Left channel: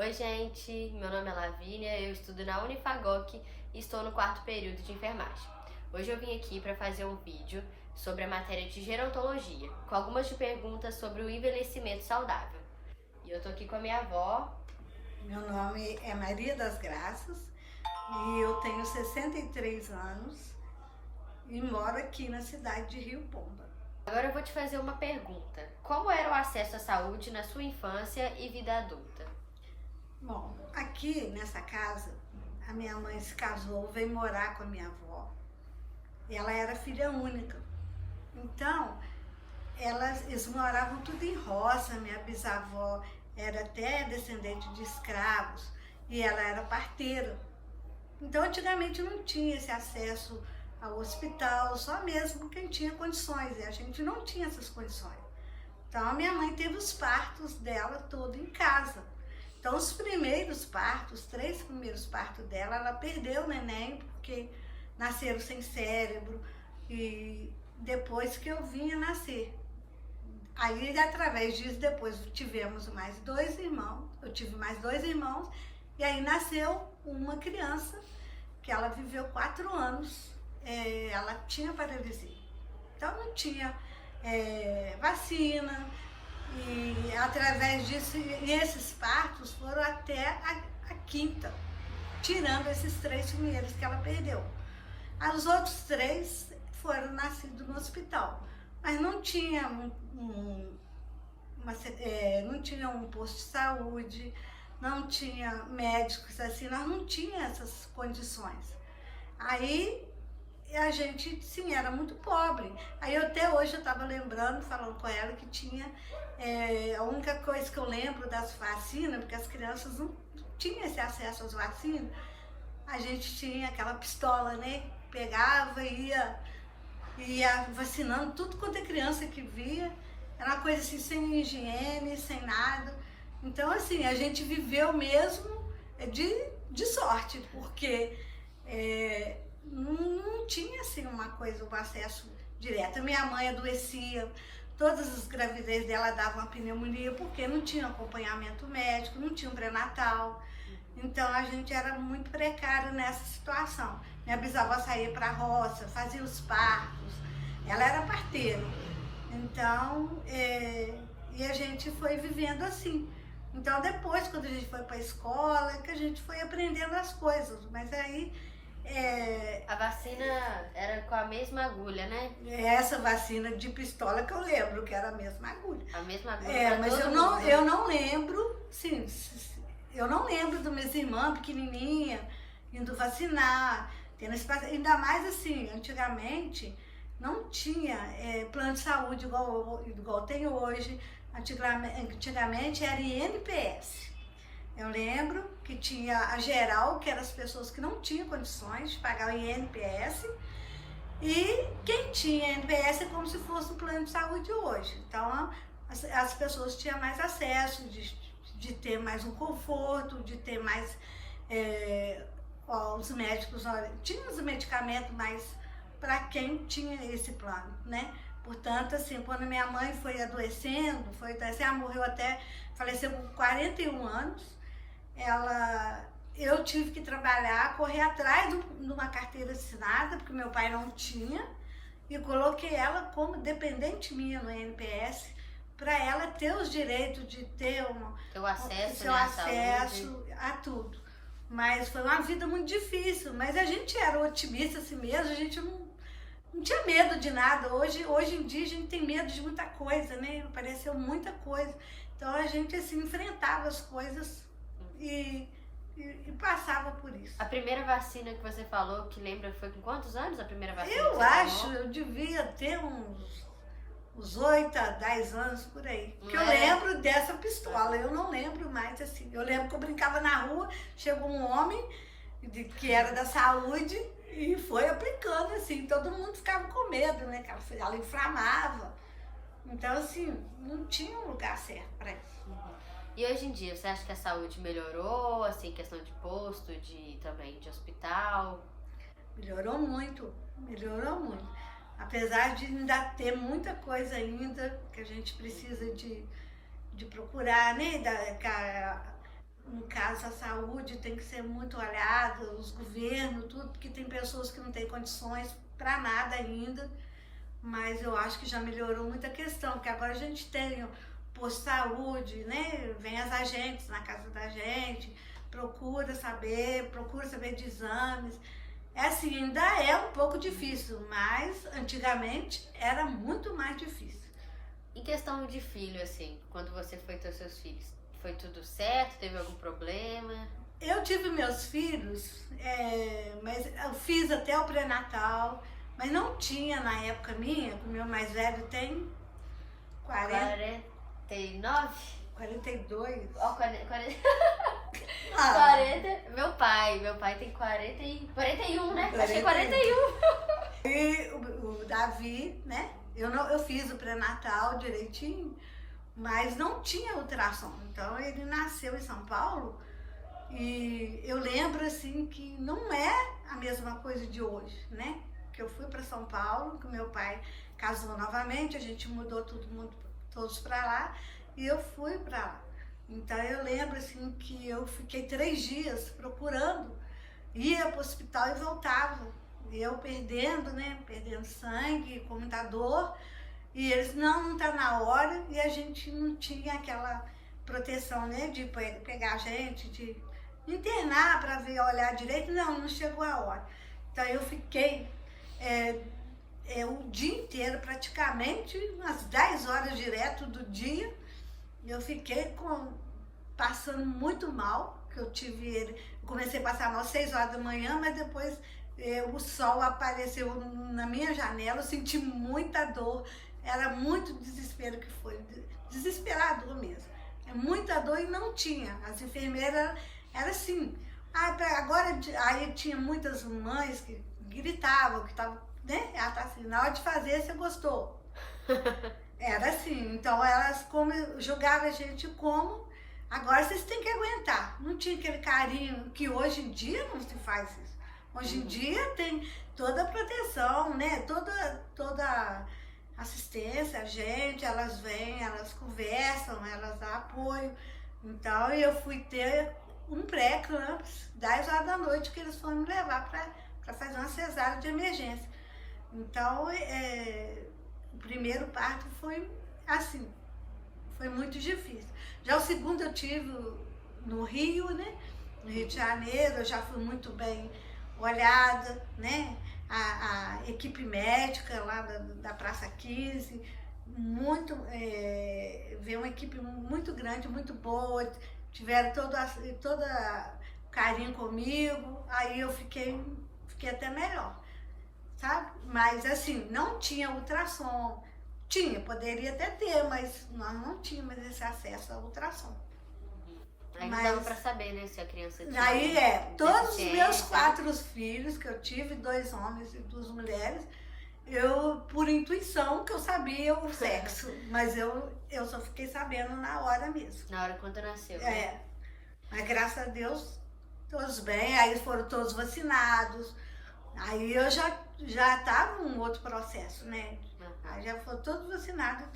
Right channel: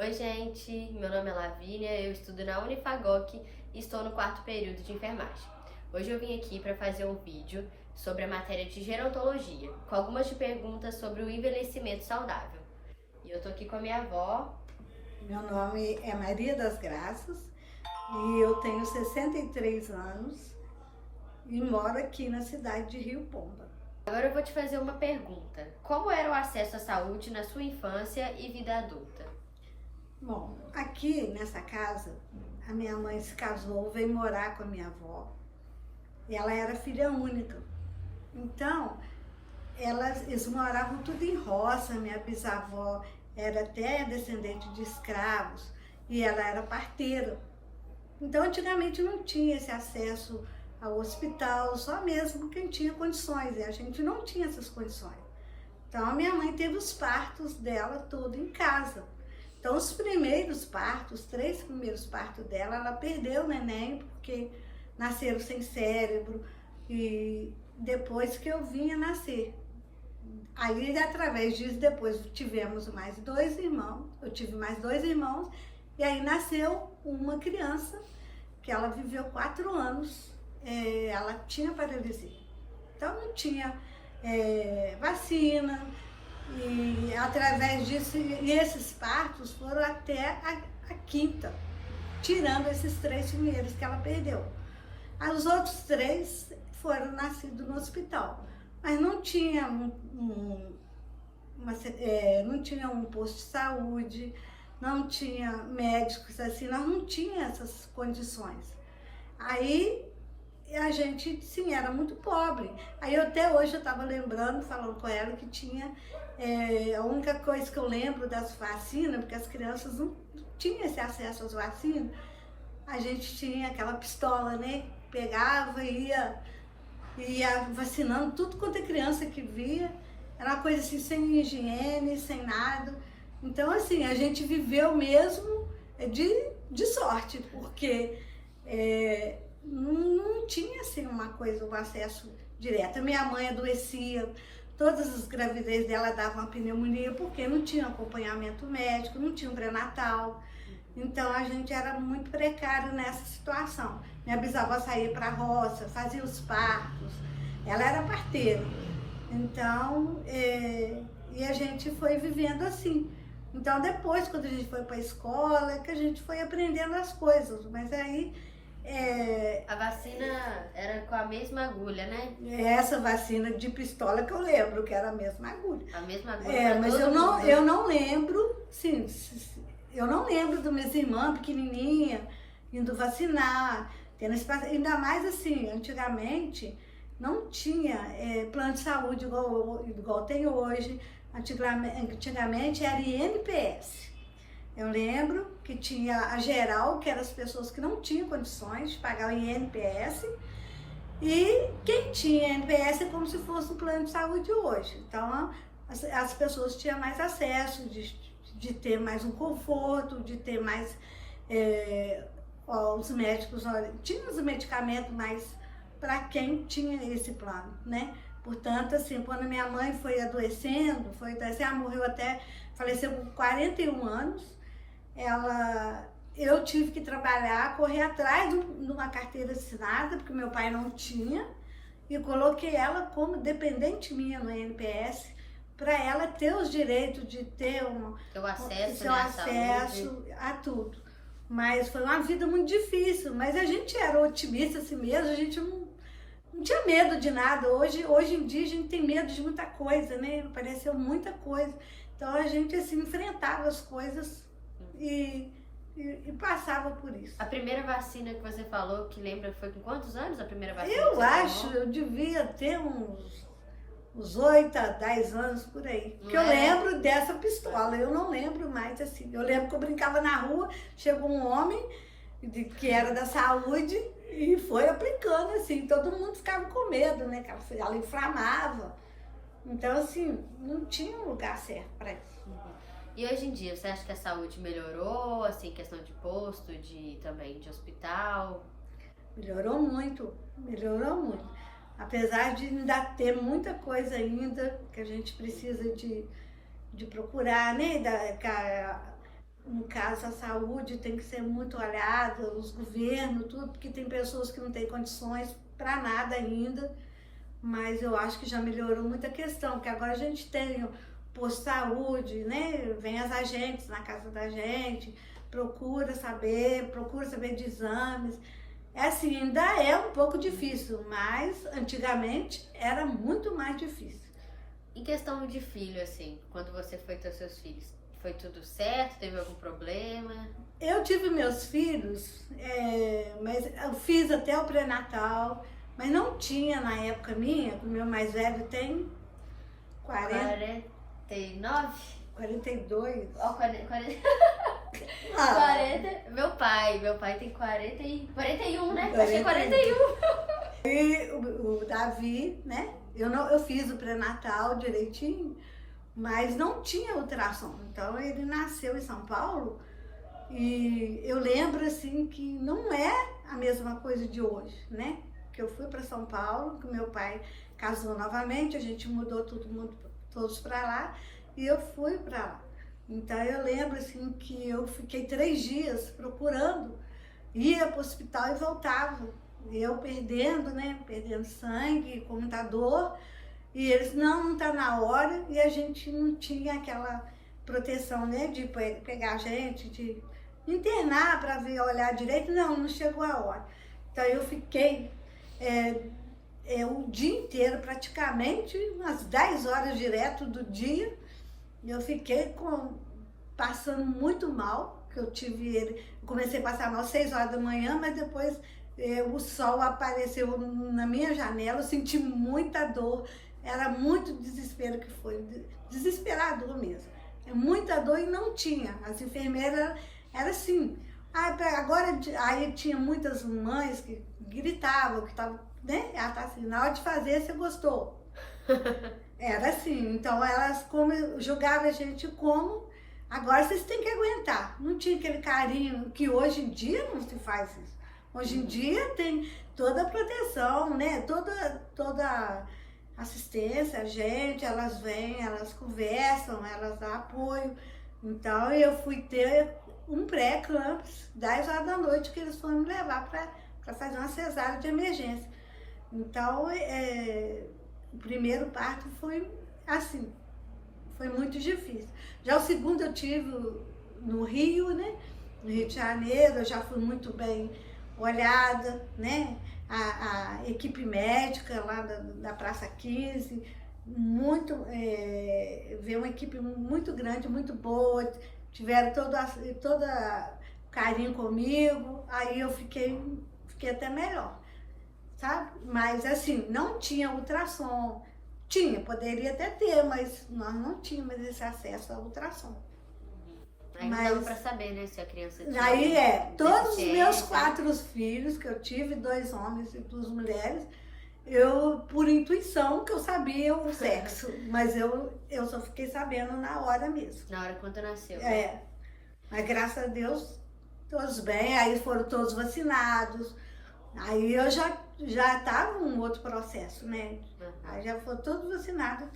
Oi gente, meu nome é Lavínia, eu estudo na Unifagoc e estou no 4º período de enfermagem. Hoje eu vim aqui para fazer um vídeo sobre a matéria de gerontologia, com algumas de perguntas sobre o envelhecimento saudável. E eu tô aqui com a minha avó. Meu nome é Maria das Graças e eu tenho 63 anos e moro aqui na cidade de Rio Pomba. Agora eu vou te fazer uma pergunta. Como era o acesso à saúde na sua infância e vida adulta? Bom, aqui nessa casa, a minha mãe se casou, veio morar com a minha avó. E ela era filha única. Então, eles moravam tudo em roça. Minha bisavó era até descendente de escravos e ela era parteira. Então, antigamente não tinha esse acesso ao hospital, só mesmo quem tinha condições. E a gente não tinha essas condições. Então, a minha mãe teve os partos dela todo em casa. Então, os primeiros partos, 3 primeiros partos dela, ela perdeu o neném porque nasceram sem cérebro e depois que eu vinha nascer. Aí, através disso, depois tivemos mais 2 irmãos, eu tive mais 2 irmãos e aí nasceu uma criança que ela viveu 4 anos, ela tinha paralisia. Então, não tinha vacina. E através disso, e esses partos foram até a 5ª, tirando esses 3 primeiros que ela perdeu. Os outros 3 foram nascidos no hospital, mas não tinha não tinha um posto de saúde, não tinha médicos, assim, nós não tinha essas condições. Aí a gente, sim, era muito pobre. Aí até hoje eu estava lembrando, falando com ela, que tinha a única coisa que eu lembro das vacinas, porque as crianças não tinham esse acesso às vacinas, a gente tinha aquela pistola, né? Pegava e ia vacinando tudo quanto é criança que via. Era uma coisa assim, sem higiene, sem nada. Então, assim, a gente viveu mesmo de sorte, porque não tinha assim uma coisa, um acesso direto. Minha mãe adoecia, todas as gravidez dela davam uma pneumonia, porque não tinha acompanhamento médico, não tinha um pré-natal. Então a gente era muito precário nessa situação. Minha bisavó saía para a roça, fazia os partos, ela era parteira. Então, e a gente foi vivendo assim. Então depois, quando a gente foi para a escola, que a gente foi aprendendo as coisas, mas aí A vacina era com a mesma agulha, né? essa vacina de pistola que eu lembro, que era a mesma agulha. A mesma agulha. Mas eu não lembro, sim, eu não lembro das minhas irmãs pequenininha indo vacinar, tendo espaço, ainda mais assim, antigamente não tinha plano de saúde igual tem hoje. Antigamente era INPS. Eu lembro que tinha a geral, que eram as pessoas que não tinham condições de pagar o INPS, e quem tinha INPS é como se fosse um plano de saúde hoje. Então, as pessoas tinham mais acesso, de ter mais um conforto, de ter mais os médicos, tinha os medicamentos mais para quem tinha esse plano, né? Portanto, assim, quando minha mãe foi adoecendo, ela morreu faleceu com 41 anos, eu tive que trabalhar, correr atrás de uma carteira assinada, porque meu pai não tinha, e coloquei ela como dependente minha no INPS, para ela ter os direitos de ter o acesso, seu acesso a tudo. Mas foi uma vida muito difícil, mas a gente era otimista assim mesmo, a gente não tinha medo de nada. Hoje em dia a gente tem medo de muita coisa, né? Apareceu muita coisa. Então a gente assim enfrentava as coisas e passava por isso. A primeira vacina que você falou, que lembra, foi com quantos anos a primeira vacina? Eu acho, eu devia ter uns 8 a 10 anos por aí. Porque eu lembro dessa pistola, eu não lembro mais assim. Eu lembro que eu brincava na rua, chegou um homem que era da saúde e foi aplicando assim, todo mundo ficava com medo, né? Que ela inflamava. Então, assim, não tinha um lugar certo para isso. E hoje em dia, você acha que a saúde melhorou, assim, questão de posto, também de hospital? Melhorou muito, melhorou muito. Apesar de ainda ter muita coisa ainda que a gente precisa de procurar, né? no caso, a saúde tem que ser muito olhada, os governos, tudo, porque tem pessoas que não têm condições para nada ainda, mas eu acho que já melhorou muita questão, porque agora a gente tem o posto de saúde, né? Vem as agentes na casa da gente, procura saber de exames. É assim, ainda é um pouco difícil, mas antigamente era muito mais difícil. Em questão de filho, assim, quando você foi ter seus filhos, foi tudo certo? Teve algum problema? Eu tive meus filhos, mas eu fiz até o pré-natal, mas não tinha na época minha, o meu mais velho tem 49? 42. Ó, 40. Ah, 40. Meu pai tem 41, né? Acho que 41. E o Davi, né? Eu fiz o pré-natal direitinho, mas não tinha ultrassom. Então ele nasceu em São Paulo e eu lembro assim que não é a mesma coisa de hoje, né? Que eu fui para São Paulo, que meu pai casou novamente, a gente mudou todos para lá e eu fui para lá. Então eu lembro assim que eu fiquei 3 dias procurando, ia para o hospital e voltava. Eu perdendo, né? Perdendo sangue, com muita dor. E eles, não tá na hora. E a gente não tinha aquela proteção, né? De pegar a gente, de internar para ver, olhar direito. Não chegou a hora. Então eu fiquei o dia inteiro, praticamente, umas 10 horas direto do dia. Eu fiquei passando muito mal, que eu tive ele. Comecei a passar mal às 6 horas da manhã, mas depois o sol apareceu na minha janela, eu senti muita dor, era muito desespero que foi, desesperador mesmo. Muita dor e não tinha, as enfermeiras, era assim. Agora, aí tinha muitas mães que gritavam, que estavam, né? Ela tá assim, na hora de fazer, você gostou. Era assim, então elas julgavam a gente como, agora vocês têm que aguentar. Não tinha aquele carinho que hoje em dia não se faz isso. Hoje em dia tem toda a proteção, né? Toda assistência, a gente, elas vêm, elas conversam, elas dão apoio. Então eu fui ter um pré-campus, 10 horas da noite, que eles foram me levar para fazer uma cesárea de emergência. Então o primeiro parto foi assim, foi muito difícil. Já o segundo eu tive no Rio, né? No Rio de Janeiro, eu já fui muito bem olhada, né? A equipe médica lá da Praça 15, veio uma equipe muito grande, muito boa, tiveram toda carinho comigo, aí eu fiquei até melhor, sabe? Mas assim, não tinha ultrassom, poderia até ter, mas nós não tínhamos esse acesso ao ultrassom. Aí dava pra saber, né, se a criança tinha... Aí todos os meus 4 filhos que eu tive, 2 homens e 2 mulheres, eu, por intuição, que eu sabia o sexo, mas eu só fiquei sabendo na hora mesmo. Na hora quando nasceu. Mas graças a Deus, todos bem, aí foram todos vacinados, aí eu já estava num outro processo, né? Aí já foram todos vacinados,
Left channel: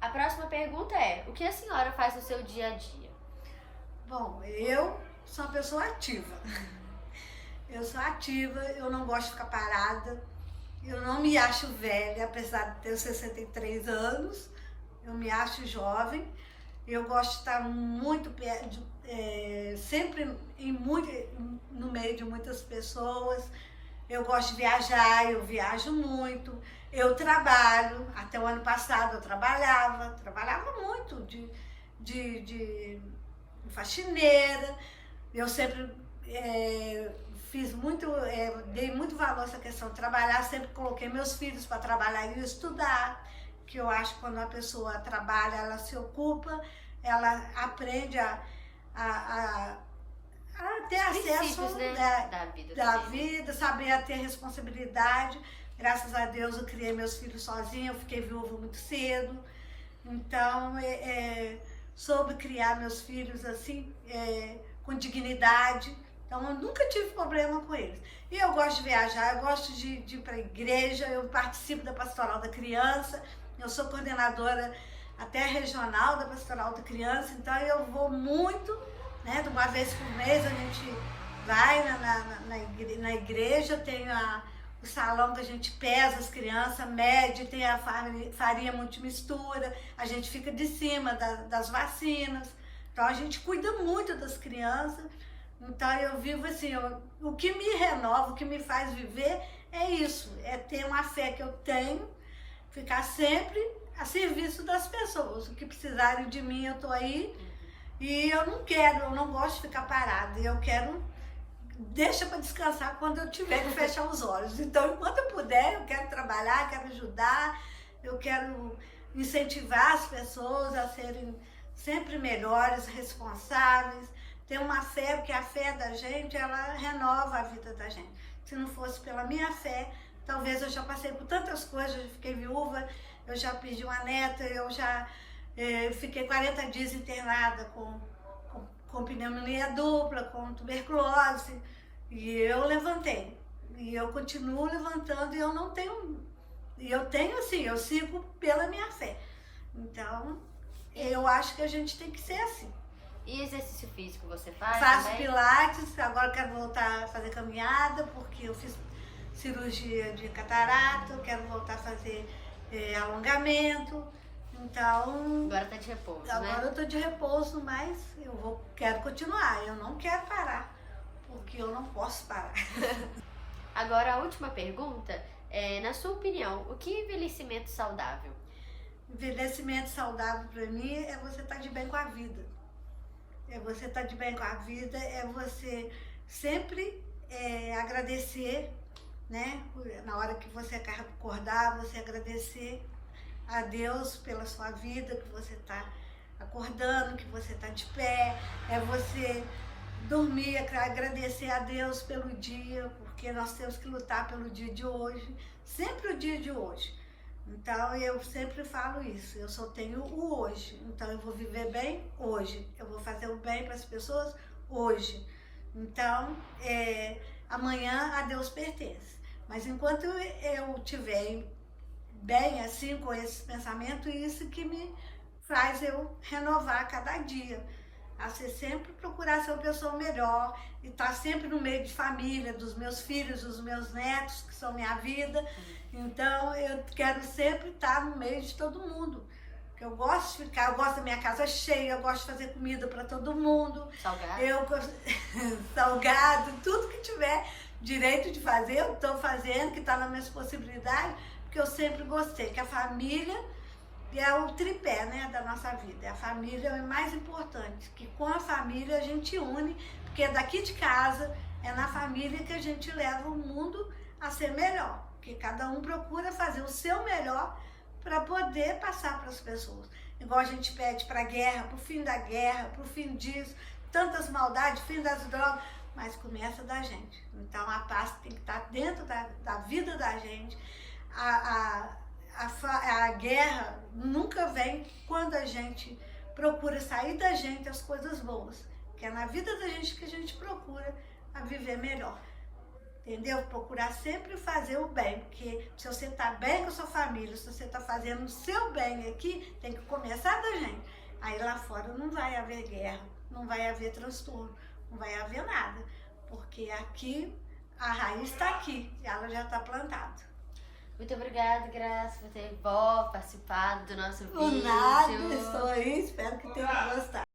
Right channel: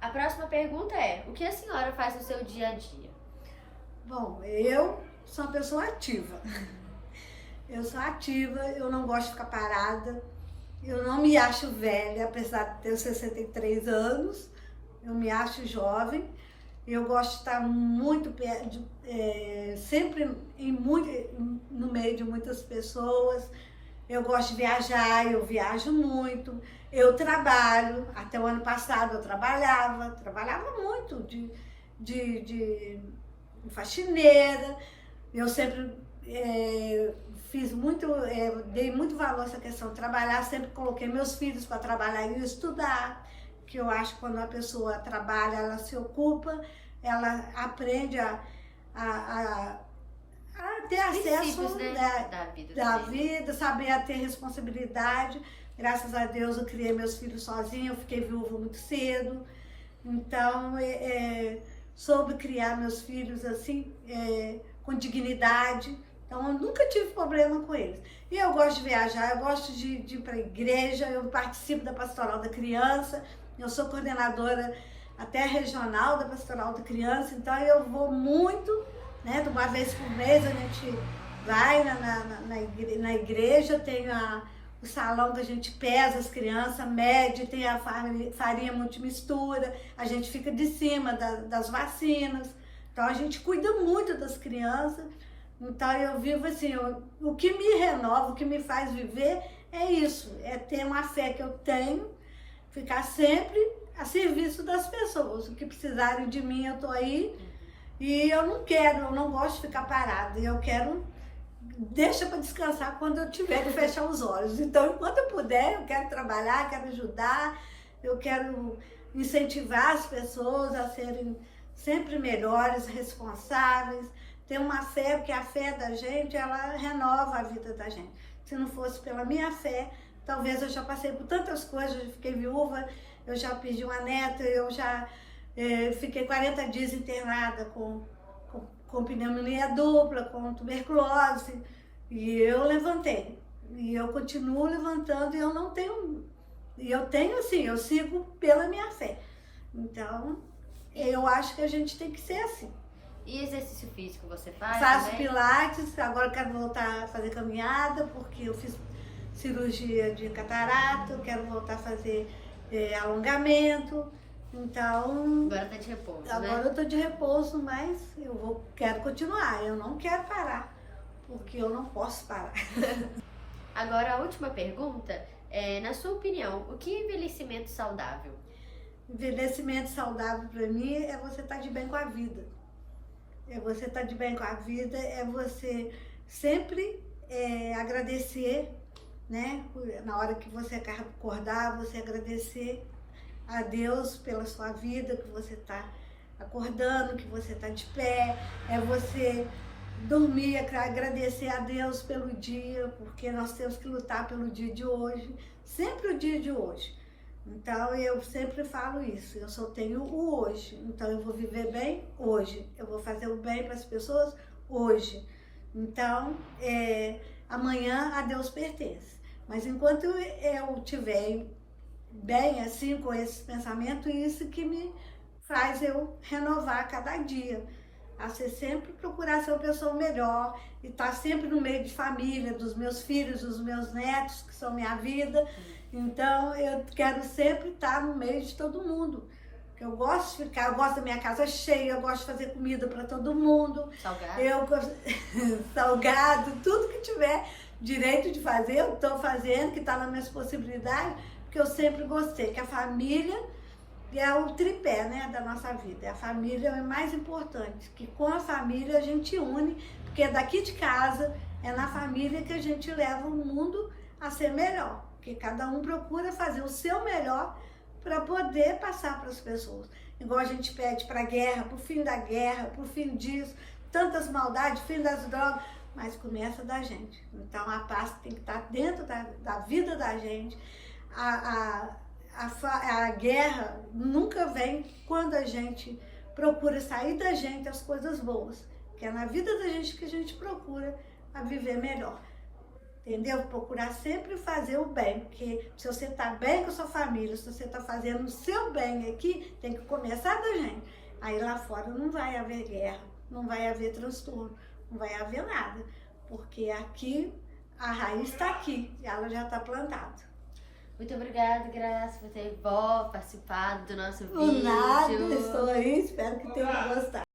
A próxima pergunta é, o que a senhora faz no seu dia a dia? Bom, eu sou uma pessoa ativa. Eu sou ativa, eu não gosto de ficar parada. Eu não me acho velha, apesar de ter 63 anos. Eu me acho jovem. Eu gosto de estar muito perto, sempre no meio de muitas pessoas. Eu gosto de viajar, eu viajo muito. Eu trabalho, até o ano passado eu trabalhava muito de faxineira. Eu sempre dei muito valor a essa questão de trabalhar, sempre coloquei meus filhos para trabalhar e estudar, que eu acho que quando a pessoa trabalha, ela se ocupa, ela aprende a ter acesso, né, da vida, saber a ter responsabilidade. Graças a Deus eu criei meus filhos sozinha, eu fiquei viúva muito cedo. Então, soube criar meus filhos assim, com dignidade. Então, eu nunca tive problema com eles. E eu gosto de viajar, eu gosto de ir para a igreja, eu participo da Pastoral da Criança, eu sou coordenadora até regional da Pastoral da Criança, então eu vou muito, né? De uma vez por mês a gente vai na igreja, tem o salão que a gente pesa as crianças, mede, tem a farinha multimistura, a gente fica de cima das vacinas, então a gente cuida muito das crianças. Então eu vivo assim, o que me renova, o que me faz viver é isso, é ter uma fé que eu tenho, ficar sempre a serviço das pessoas. O que precisarem de mim, eu tô aí. E eu não gosto de ficar parada. Eu quero, deixa para descansar quando eu tiver que fechar os olhos. Então, enquanto eu puder, eu quero trabalhar, quero ajudar, eu quero incentivar as pessoas a serem sempre melhores, responsáveis. Ter uma fé, porque a fé da gente, ela renova a vida da gente. Se não fosse pela minha fé, talvez eu já passei por tantas coisas, eu fiquei viúva, eu já perdi uma neta, eu já fiquei 40 dias internada com pneumonia dupla, com tuberculose, e eu levantei. E eu continuo levantando e eu não tenho... E eu tenho assim, eu sigo pela minha fé. Então, eu acho que a gente tem que ser assim. E exercício físico você faz? Faço pilates, agora quero voltar a fazer caminhada, porque eu fiz cirurgia de catarata, eu quero voltar a fazer alongamento, então... Agora tá de repouso, agora né? eu tô de repouso, mas quero continuar, eu não quero parar, porque eu não posso parar. Agora a última pergunta é, na sua opinião, o que é envelhecimento saudável? Envelhecimento saudável para mim é você estar de bem com a vida. É você estar de bem com a vida, é você sempre agradecer, né? Na hora que você acordar, você agradecer a Deus pela sua vida, que você está acordando, que você está de pé. É você dormir, agradecer a Deus pelo dia, porque nós temos que lutar pelo dia de hoje, sempre o dia de hoje. Então, eu sempre falo isso, eu só tenho o hoje, então eu vou viver bem hoje, eu vou fazer o bem para as pessoas hoje. Então, amanhã a Deus pertence. Mas enquanto eu estiver bem assim, com esse pensamento, isso que me faz eu renovar cada dia. A ser sempre procurar ser uma pessoa melhor e estar sempre no meio de família, dos meus filhos, dos meus netos, que são minha vida. Então, eu quero sempre estar no meio de todo mundo. Eu gosto de ficar, eu gosto da minha casa cheia, eu gosto de fazer comida para todo mundo. Salgado. Salgado, tudo que tiver direito de fazer, eu estou fazendo, que está nas minhas possibilidades, porque eu sempre gostei, que a família é o tripé, né, da nossa vida. A família é o mais importante, que com a família a gente une, porque daqui de casa é na família que a gente leva o mundo a ser melhor. Porque cada um procura fazer o seu melhor para poder passar para as pessoas. Igual a gente pede para a guerra, para o fim da guerra, para o fim disso, tantas maldades, fim das drogas, mas começa da gente. Então a paz tem que estar dentro da vida da gente. A guerra nunca vem quando a gente procura sair da gente as coisas boas, que é na vida da gente que a gente procura a viver melhor. Entendeu? Procurar sempre fazer o bem, porque se você está bem com a sua família, se você está fazendo o seu bem aqui, tem que começar da gente. Aí lá fora não vai haver guerra, não vai haver transtorno, não vai haver nada, porque aqui a raiz está aqui, ela já está plantada. Muito obrigada, Graça, por ter participado do nosso vídeo. Por nada, estou aí, espero que tenham gostado.